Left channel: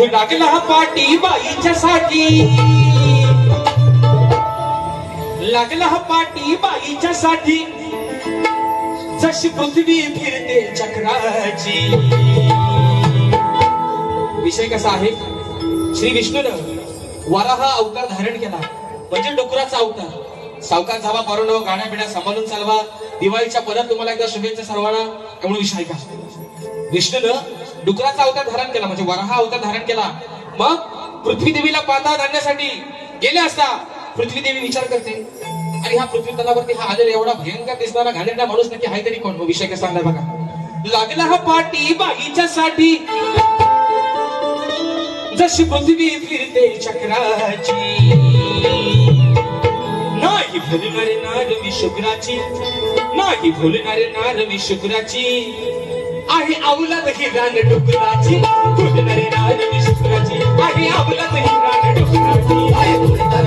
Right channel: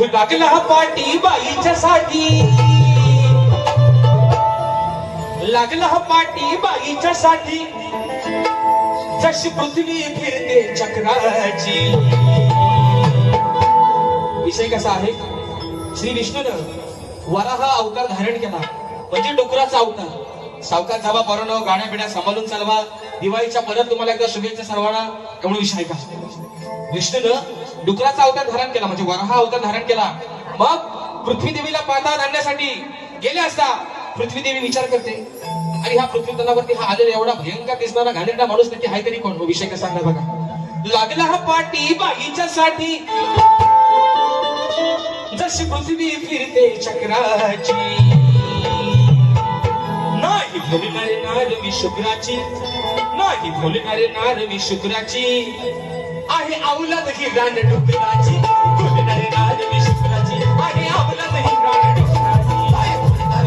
लागला पाटी बाईच्या साठी, लागला पाटी बाईच्या साठी, जशी पृथ्वी फिरते चक्राची. विषय कसा आहे, श्री विष्णूनं वराह अवतार धारण केला, म्हणजे डुकराचा अवतार. सावकार जावा बरोनो, गाड्या बिड्या सांभाळून चालवा. दिवाळीच्या परत तुम्हाला एकदा शुभेच्छा सर्वांना. म्हणून विषय का, विष्णूनं डुकराचा अवतार धारण केला, म्हणजे वराह अवतार धारण केला. मग पृथ्वी देवीला पाता घालण्यासाठी गेले असता पृथ्वी देवी विचार करते, आणि ह्या पृथ्वी तलावरती हा आलेला एवढा भयंकर दिसणारा घाणेरडा माणूस नक्की आहे तरी कोण. विषय कसा आहे बघा. लागला हा पाटी बाईच्या साठी, जशी पृथ्वी फिरते चक्राची. नाही भोलणारे नारवी शुक्राची, नाही भोलणारे नारवी शुक्राची, आहे अवलाद ही रान डुकराची. भोलणारे नारवी शुक्राची, आहे अवलाद ही रान डुकराची.